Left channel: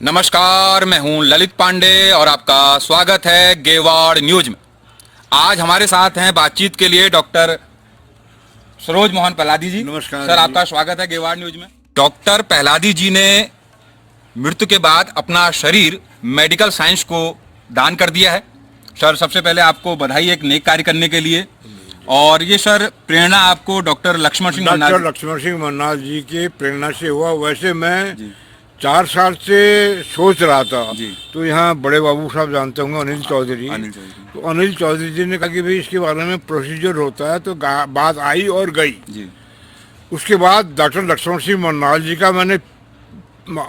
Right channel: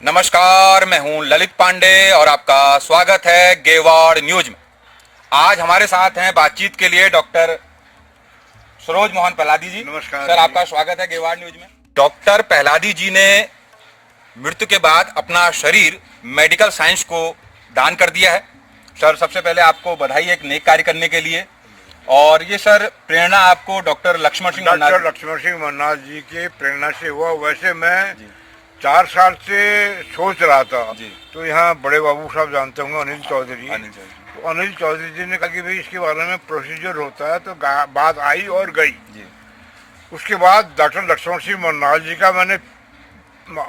नमस्कार, मैं हूं ललित पांडे और आपका स्वागत है गेवाड़ न्यूज में। आज हमारे साथ हैं बातचीत के लिए डॉक्टर सरोज मोहन पहलादी जी। नमस्कार सर, जी। आपका स्वागत है गेवाड़ न्यूज में। डॉक्टर पहलादी जी ने मृत्यु के बाद अपना शरीर मेडिकल साइंस को दान कर दिया है। सर, सबसे पहले आपको बधाई एक नेक कार्य करने के लिए। और ये सर प्रेरणा आपको डॉक्टर लक्ष्मण सिंह मन्नाल डॉक्टर लक्ष्मण सिंह मन्नाल जी की प्रेरणा से हुआ। वैसे मैं 4 साल से सोच रहा था। जी। तो यहाँ बड़े बाबू साहब जानते होंगे, अनिल चौधरी। अनिल चौधरी। तो अनिल चौधरी जी ने कहा कि भाई इसके बारे में प्रोसीजर होता है, तो बात आई और गई। जी। उसके बाद डॉक्टर लक्ष्मण सिंह मन्नाल जी का मैंने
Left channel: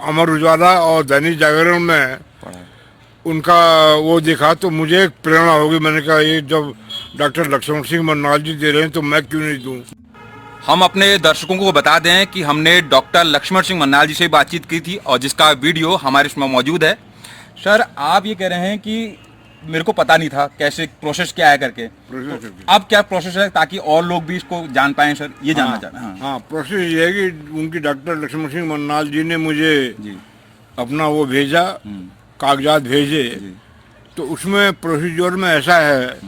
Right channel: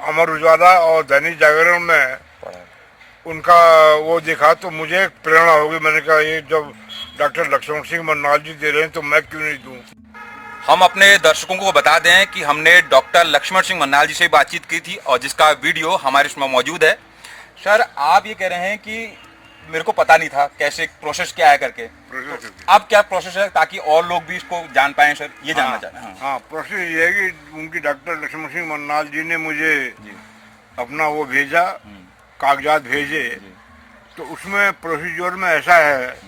अमर उजाला और दैनिक जागरण में उनका वो देखा, तो मुझे एक प्रेरणा होगी। मैंने कहा ये जब डॉक्टर लक्ष्मण सिंह मन्नाल जी दे रहे हैं तो मैं क्यों नहीं दूं। हम अपने दर्शकों को बता दें कि हमने डॉक्टर लक्ष्मण सिंह मन्नाल जी से बातचीत की थी और जिसका वीडियो हमारे इसमें मौजूद है। सर, आप ये कह रहे हैं कि मेरे को पता नहीं था कैसे प्रोसेस क्या है करके। अब क्या प्रोसेस है ताकि और लोग भी इसको जान पाएं? सर, ये जानना चाहते हैं। हाँ, प्रोसेस ये है कि उनकी डॉक्टर लक्ष्मण सिंह मन्नाल जी ने मुझे अपना वो भेजा, कागजात भेजे। तो उसमें प्रोसीजर में ऐसा है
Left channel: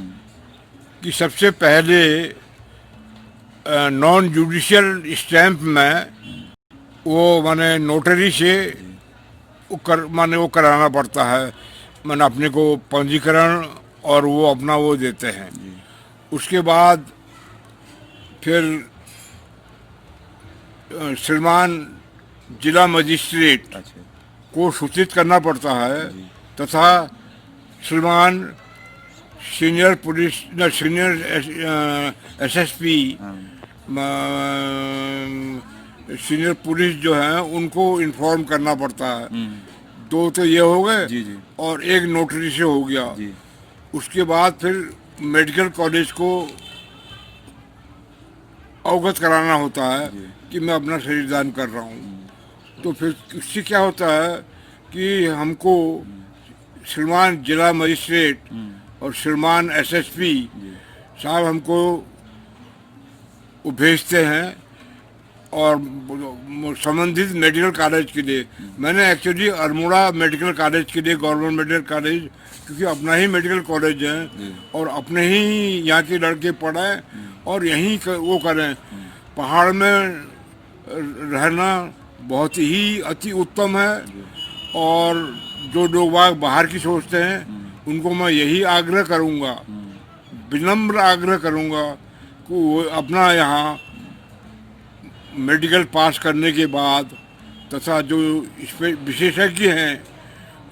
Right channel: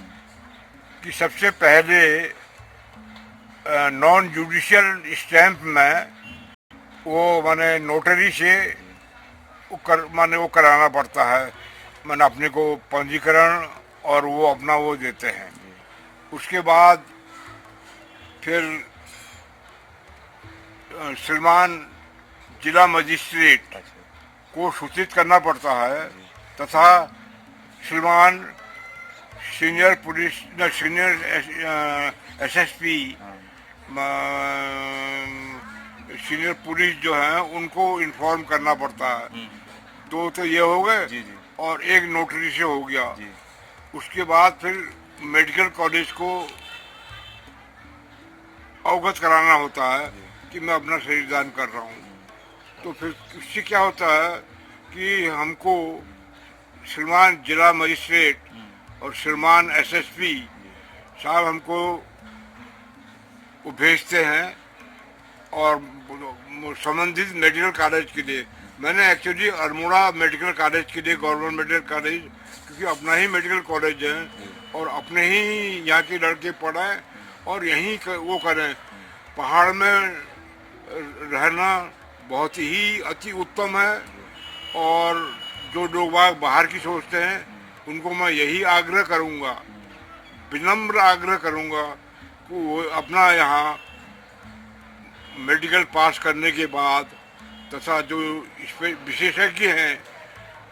कि सबसे पहले नॉन जुडिशियल स्टैंप में वो माने नोटरी से वो कराना पड़ता है। मैंने अपने को पंजीकरण और वो अपना वो देते हैं। उसके बाद फिर श्रीमान जिला मजिस्ट्रेट को सूचित करना पड़ता है, तथा श्रीमान सीनियर एसएसपी, सीनियर पुलिस जो हैं उनको इन्फॉर्म करना पड़ता है। दो तो ये हो गए और एक नोटरी से हो गया। उसके बाद फिर मेडिकल कॉलेज को अवगत कराना होता है कि मैं अपना शरीर दान कर रहा हूँ। तो फिर उससे क्या होता है कि हमको श्रीमान जिला मजिस्ट्रेट और श्रीमान एसएसपी साहब हमको वो भेजते हैं और संबंधित मेडिकल कॉलेज के लिए। मैंने एक्चुअली अल्मोड़ा मेडिकल कॉलेज के लिए, गवर्नमेंट मेडिकल कॉलेज, क्योंकि अपना ही मेडिकल कॉलेज है और अपने ही यहाँ के लड़के पढ़ें और यहीं वो करें। पहाड़ में रहना बहुत ही अति उत्तम है। और जो लोग बाहर की सोचते हैं उनको मैं यही आग्रह करूँगा, विनम्र आग्रह करूँगा कि वो अपना यहाँ मेडिकल पास करने के बाद तथा जो इस पे विशेषज्ञ हैं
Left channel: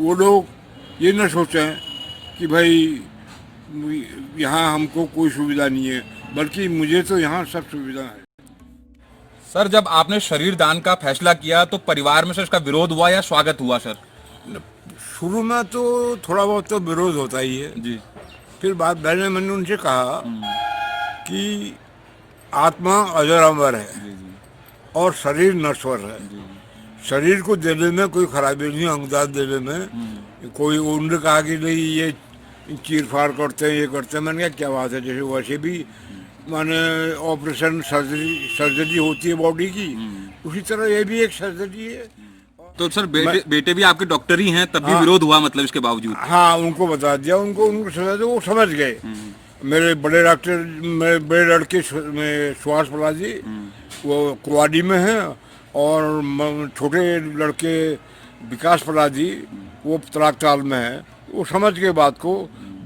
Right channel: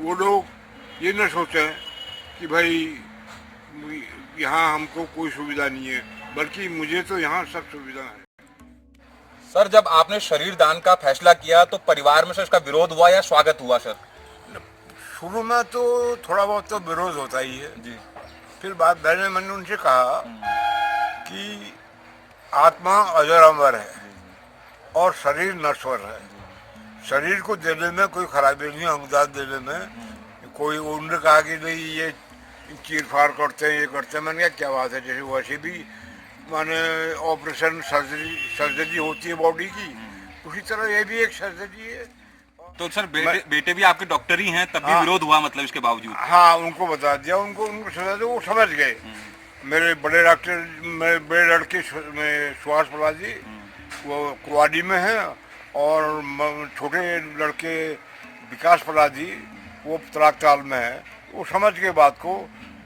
वो लोग ये न सोचें कि भाई यहाँ हमको कोई सुविधा नहीं है, बल्कि मुझे तो यहाँ सब सुविधा है। सर, जब आपने शरीर दान का फैसला किया तो परिवार में से उसका विरोध हुआ या स्वागत हुआ? सर, शुरू में तो थोड़ा बहुत तो विरोध होता ही है जी। फिर मैंने उनसे कहा कि आत्मा अजर अमर है और शरीर नश्वर है। शरीर को देने में कोई खराबी नहीं, अंगदान देने में कोई। उन्होंने कहा कि नहीं ये चीर फाड़ करते हैं, ये करते हैं। मैंने कहा क्या बात है, जैसे वैसे भी माने ऑपरेशन सर्जरी होती है बॉडी की, उसी तरह ये भी एक सर्जरी है। तो सर, बेटे भी आपके डॉक्टर ही हैं, तब भी विरोध हुआ मतलब इसके बावजूद? हाँ, उनको बता दिया, उनको समझा दिया, वो समझ गए। मेरे बड़े बड़े लड़के सुहास पलाजी वो कुआडी में हैं, और छोटे लड़के विकास पलाजी वो तलाकताल में है। वो समझ गए बात को,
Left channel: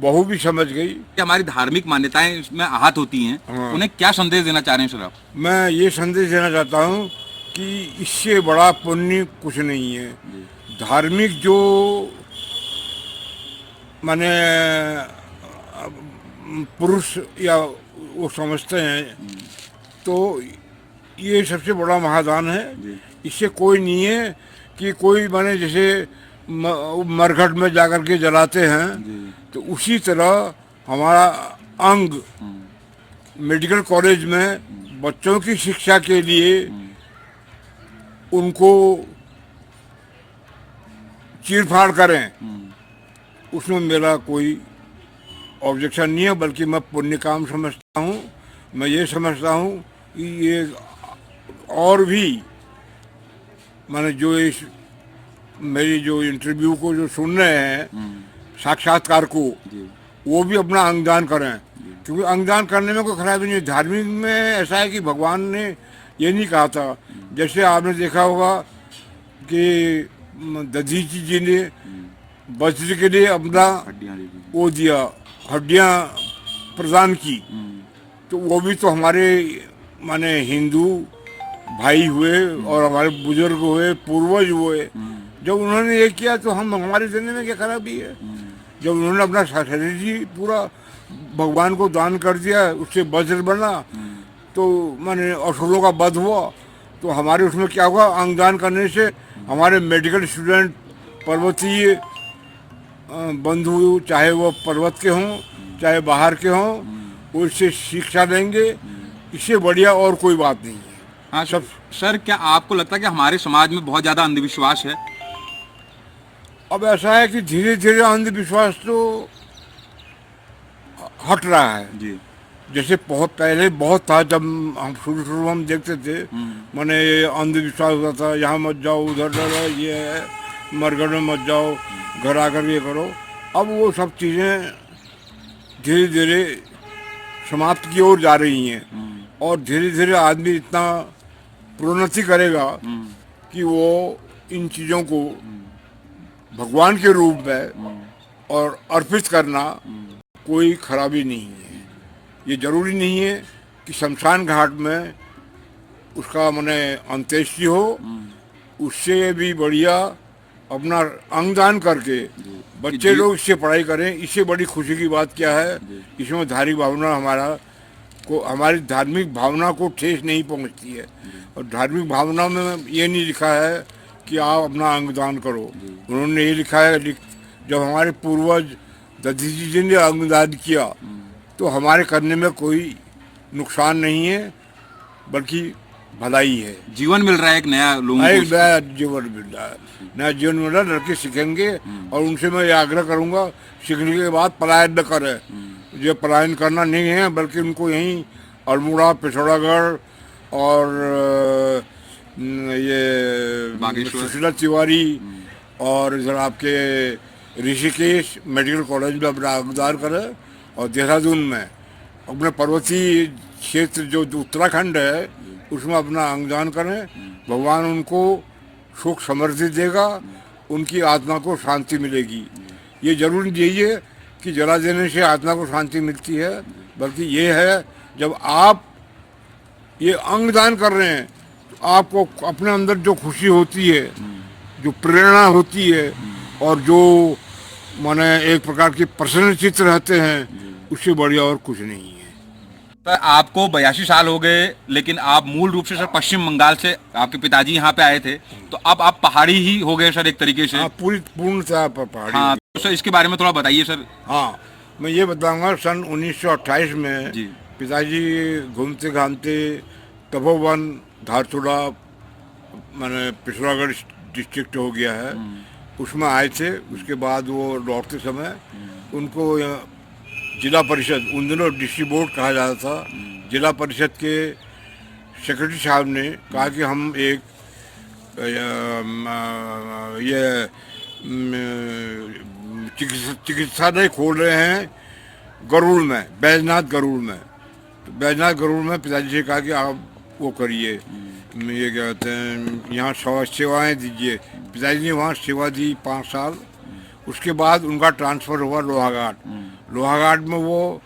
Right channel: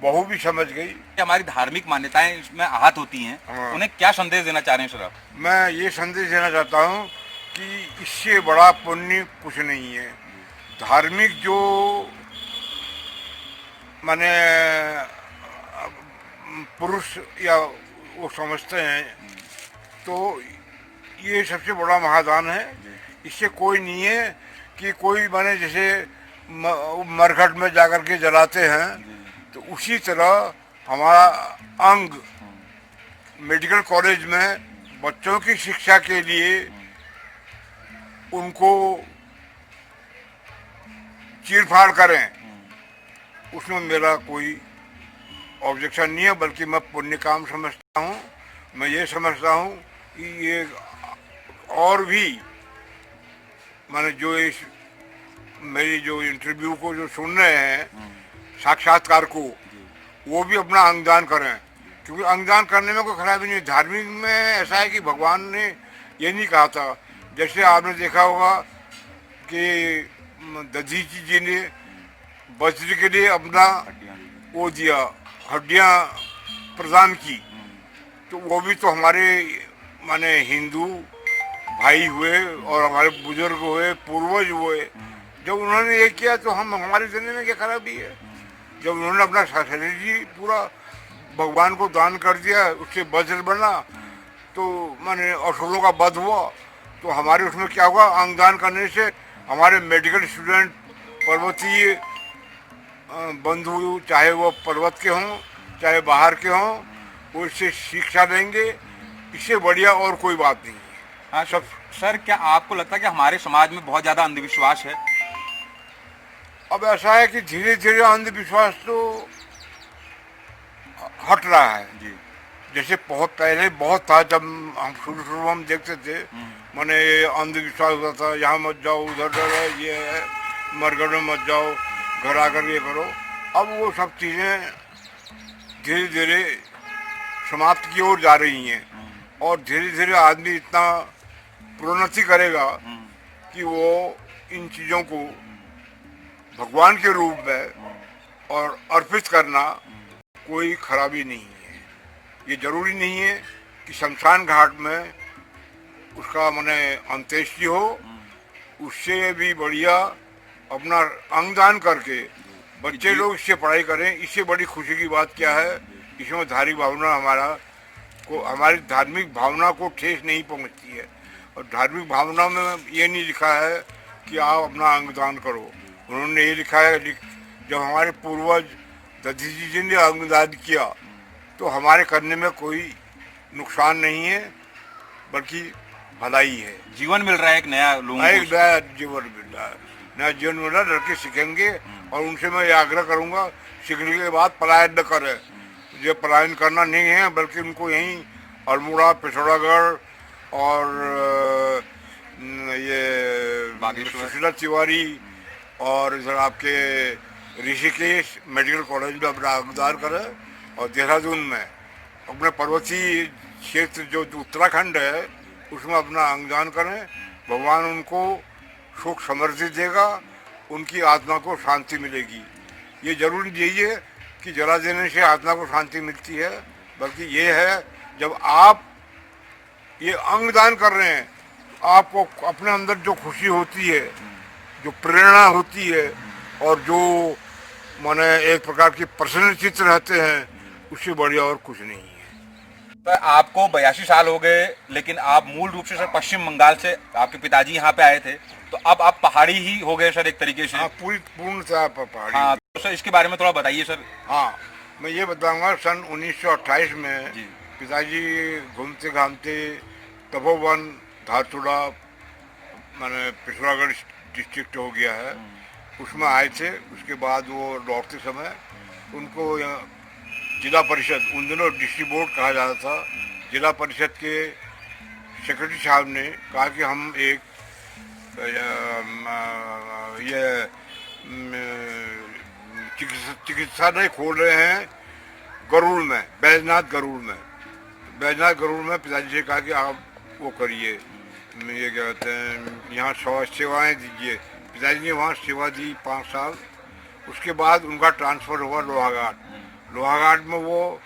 बहू भी समझ गई। हमारी धार्मिक मान्यताएं इसमें आहत होती हैं। उन्हें क्या संदेश देना चाह रहे हैं सर आप? मैं ये संदेश देना चाहता हूँ कि इससे बड़ा पुण्य कुछ नहीं है। धार्मिक जो माने पुरुष या वो समझते हैं, तो ये सबसे बड़ा महादान है। इससे कोई नहीं है कि कोई माने जैसे मरघट में जाकर के जलाते हैं, तो उसी तरह हमारा अंग मेडिकल कॉलेज में बच्चों की शिक्षा के लिए उनको चीरफाड़ करें, उसमें मेरा कोई ऑब्जेक्शन नहीं है, बल्कि मैं पुण्य काम समझता हूँ। मैं ये समझता हूँ कि ये और भी माने जो इस मेरी जो इंटरव्यू को जो सुन रहे हैं, साक्षात्कार को, वो भी अपना अंगदान करें, क्योंकि अंगदान करने में कोई खराबी नहीं। धार्मिक में ऐसा है कि भगवान ने ये नहीं कहा था, जैसे आपने देखा होगा कि दधीची जी ने बछड़े के लिए अपना वो दिया, हड्डियां प्रदान की, तो वो भी तो हमारे माने हिंदू भाई हुए और हमारे बुजुर्ग हुए, पूर्वज हुए। जब उन्होंने ये किया तो हम हमारे देने में क्या खराबी है। जब उन्होंने अपना शरीर ही पूरा भगवान को दान कर दिया, उससे वज्र बना, तो माने असुरों का वध हुआ, तो हमारे उसमें क्या हुआ, अंगदान करने से हमारे मेडिकल स्टूडेंट, पर्वतीय बंधु, चाहे वो पर्वत के हों चाहे बाहर के हों, वो इससे शिक्षा लेंगे। इससे बढ़िया और कोई बात नहीं है। हाँ सर, क्या आपको लगता है कि हमारे समाज में बहुत ज़्यादा अंधविश्वास है? अब ऐसा है कि धीरे धीरे अंधविश्वास तो हट रहा है जी। जैसे बहुत पहले बहुत था, जब हम शुरू हम देखते थे, माने अंधविश्वास होता था, यहाँ मत जाओ, उधर डर है, ये है, मरगढ़ में मत जाओ, घर आकर ये करो। अब वो सब चीज़ें धीरे धीरे समाप्त की ओर जा रही हैं, और धीरे धीरे आदमी इतना प्रोन्नति करेगा कि वो इन चीज़ों को भगवान के रूप में और अर्पित करना कोई खराबी नहीं है। ये जरूरी नहीं है कि शमशान घाट में उसका माने अंत्येष्टि हो, उससे भी बढ़िया अपना अंगदान करके बच्चे लोग इससे पढ़ाई करें। इससे बड़ी खुशी की बात क्या है, इसमें धार्मिक भावना हमारी धार्मिक भावना को ठेस नहीं पहुंचती है। और धार्मिक भावना में ये नहीं लिखा है कि आप अपना अंगदान करो, उन्होंने ये लिखा है, जब हमारे पूर्वज दधीची जी ने अंगदान किया तो हमारे करने में कोई नुकसान नहीं है, बल्कि भलाई है। जीवन मिल रहा है एक नया, लोगों को नया जीवन मिल रहा है, नया जीवन मिल रहा है। लड़के सीखेंगे, और उनसे मैं ये आग्रह करूंगा, सीखने के बाद पलायन न करें। ये पलायन करना नहीं है, बल्कि उनको यहीं अल्मोड़ा, पिथौरागढ़ और ये सुशीला तिवारी और इधर आपके ऋषिकेश मेडिकल कॉलेज में अपना अंगदान करें, और देहरादून में अपने पर्वतीय क्षेत्र जो उत्तराखंड है उसमें अपना अंगदान करें। भगवान उनको सुख समृद्धि देगा, उनकी आत्मा को शांति मिलेगी। ये जरूर यही है कि जला देने से आत्मा को शांति मिलती है, बल्कि ये है जब आप ये अंगदान कर रहे हैं तो आपको अपने अंदर जो खुशी होती है, जो प्रेरणा होती है, और जो माने एक प्रकार की प्रसन्न चित्त रहते हैं, उससे बढ़िया और कुछ नहीं है। तो आपको 82 साल हो गए, लेकिन आप मूल रूप से सर पश्चिम बंगाल से, आपके पिताजी यहाँ पे आए थे, तो अब आप पहाड़ी ही हो गए सर एक तरीके से। हाँ, पूर्णतः पहाड़ी। हाँ, तो सर इसके बारे में थोड़ा बताइए सर। हाँ, मैं ये बताऊंगा, सन 1928 में जी। पिताजी घूमते घामते तपोवन, धारचूड़ा, मैंने पिथौरागढ़ डिस्ट्रिक्ट हो गया है, उसमें आए थे। उसके बाद वो लौटते समय उनको जिला परिषद, उन दिनों डिस्ट्रिक्ट बोर्ड कहा जाता था, जिला परिषद के सेक्रेटरी साहब ने कहा कि हम एक ये चिकित्सालय खोल रहे हैं गरुड़ में, बैजनाथ गरुड़ में। बैजनाथ गरुड़ में पिताजी से कहा कि आप वो करिए, ये क्या कहते हैं, यहाँ सेवाएँ दीजिए। पिताजी ने वहाँ सेवा दी 5 साल। उसके बाद उनका ट्रांसफ़र हुआ लोहाघाट। लोहाघाट में वो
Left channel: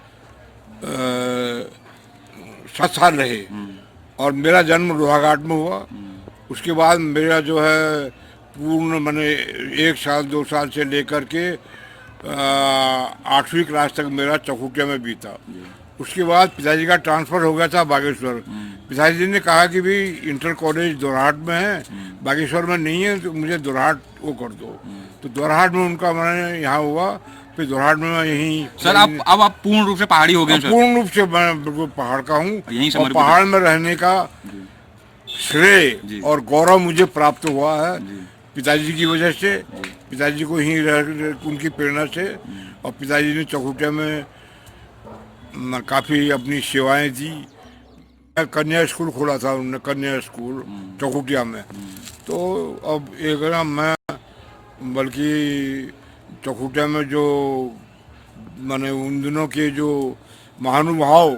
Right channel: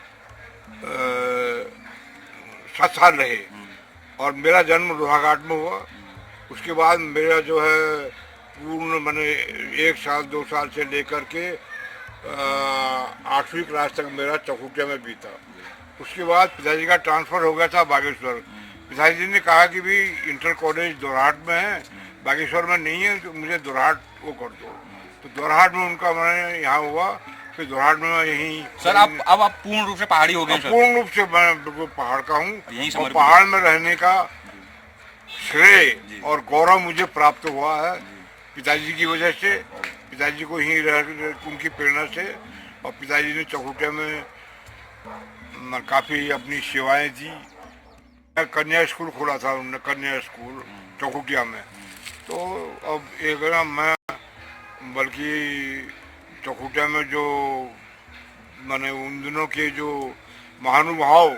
7 साल रहे, और मेरा जन्म लोहाघाट में हुआ। उसके बाद मेरा जो है पूर्ण मैंने 1 साल 2 साल से लेकर के 8वीं क्लास तक मेरा चौखुटिया में बीता। उसके बाद पिताजी का ट्रांसफ़र हो गया था बागेश्वर। पिताजी ने कहा कि भी इंटर कॉलेज दोरहाट में है, बागेश्वर में नहीं है, तो मुझे दोरहाट वो कर दो। तो दोरहाट में उनका मैंने यहाँ हुआ, फिर दोरहाट में मैं यहीं। सर अब आप पूर्ण रूप से पहाड़ी हो गए सर? पूर्ण रूप से मैं बिल्कुल पहाड़ का हूँ, यहीं और पहाड़ में रहने का श्रेय और गौरव मुझे प्राप्त हुआ है पिताजी की वजह से। पिताजी को यहीं रह उनकी प्रेरणा से, और पिताजी ने चौखुटिया में काफ़ी अपनी सेवाएं दी। कन्या स्कूल खोला था उन्होंने, कन्या स्कूल चौखुटिया में। तो अब एक ना मैं बल्कि चौखुटिया में जो माने उन दिनों के जो महानुभाव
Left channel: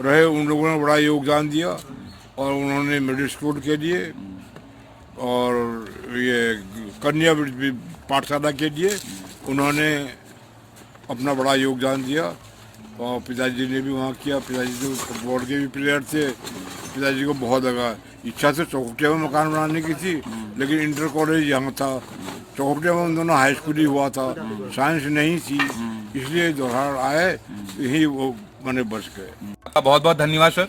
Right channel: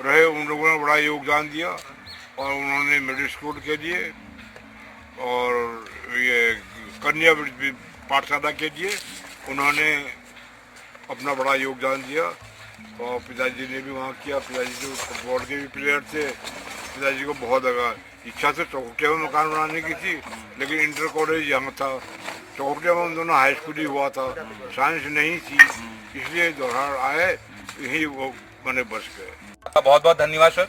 रहे उन लोगों ने बड़ा योगदान दिया और उन्होंने मिडिल स्कूल के लिए और ये कन्या पाठशाला के लिए उन्होंने अपना बड़ा योगदान दिया और पिताजी ने भी वहाँ किया। पिताजी जो फुटबॉल के भी प्लेयर थे, पिताजी को बहुत लगा इच्छा से चौखुटिया में मकान बनाने की थी, लेकिन इंटर कॉलेज यहाँ था। चौखुटिया में उन दोनों हाई स्कूल ही हुआ था, साइंस नहीं थी, इसलिए दोहरार आए, यही वो बने बस गए। बहुत बहुत धन्यवाद सर।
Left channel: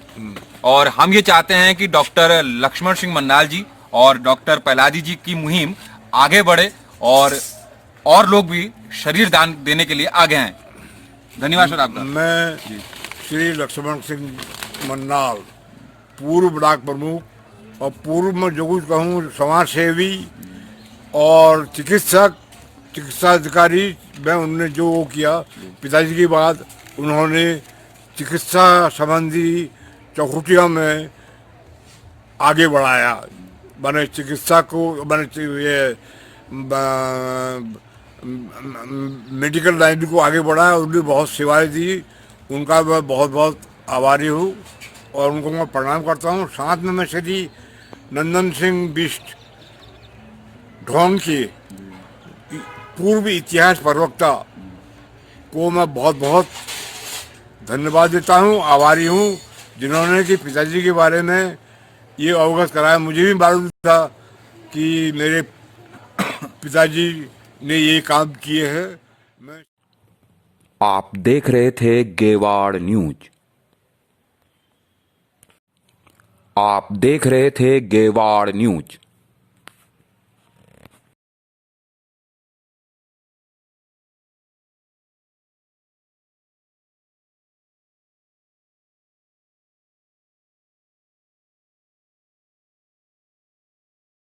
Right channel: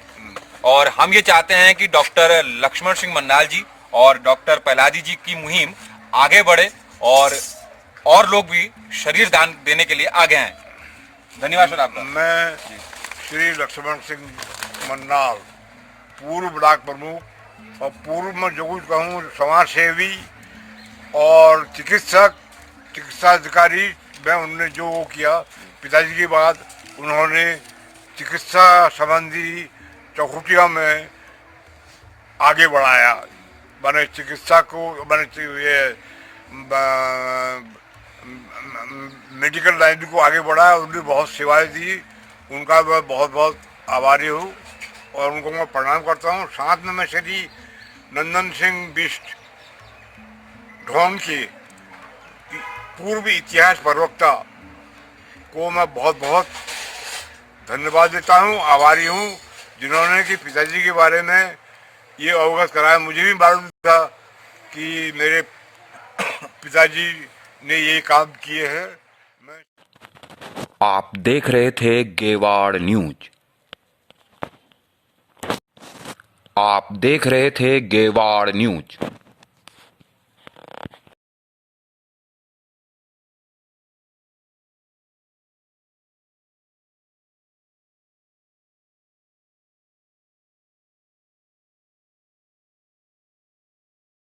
और हम ये चाहते हैं कि डॉक्टर लक्ष्मण सिंह मन्नाल जी और डॉक्टर पहलाजी जी की मुहिम आगे बढ़े और लोग भी शरीर दान देने के लिए आगे आए। धन्यवाद सर आपका। मैं श्री लक्ष्मण सिंह मन्नाल, पूर्व ब्लॉक प्रमुख और पूर्व में जो कुछ कहूँ समाज सेवी और चिकित्सा अधिकारी, मैं उनने जो वो किया पिताजी की बात, उन्होंने चिकित्सा संबंधी चौखुटिया में आगे बढ़ाया, मैंने चिकित्सा को मैंने ये मेडिकल लाइन को आगे बढ़ाया, उन्होंने बहुत सेवाएं दी, उनका मैं बहुत बहुत आभारी हूँ और उनको मैं प्रणाम करता हूँ। साथ में मैं श्री नंदन सिंह बिष्ट ढोंग के पूर्व इतिहास प्रवक्ता को मैं बहुत बहुत धन्यवाद देता हूँ, आभारी हूँ, जिन्होंने कि पिताजी के बारे में ये अवगत कराया। मुझे भी मालूम था कि मेरे पिताजी ने ये काम किए हैं। मैं आप देख रहे थे गेवाड़ न्यूज। आप देख रहे थे गेवाड़ न्यूज।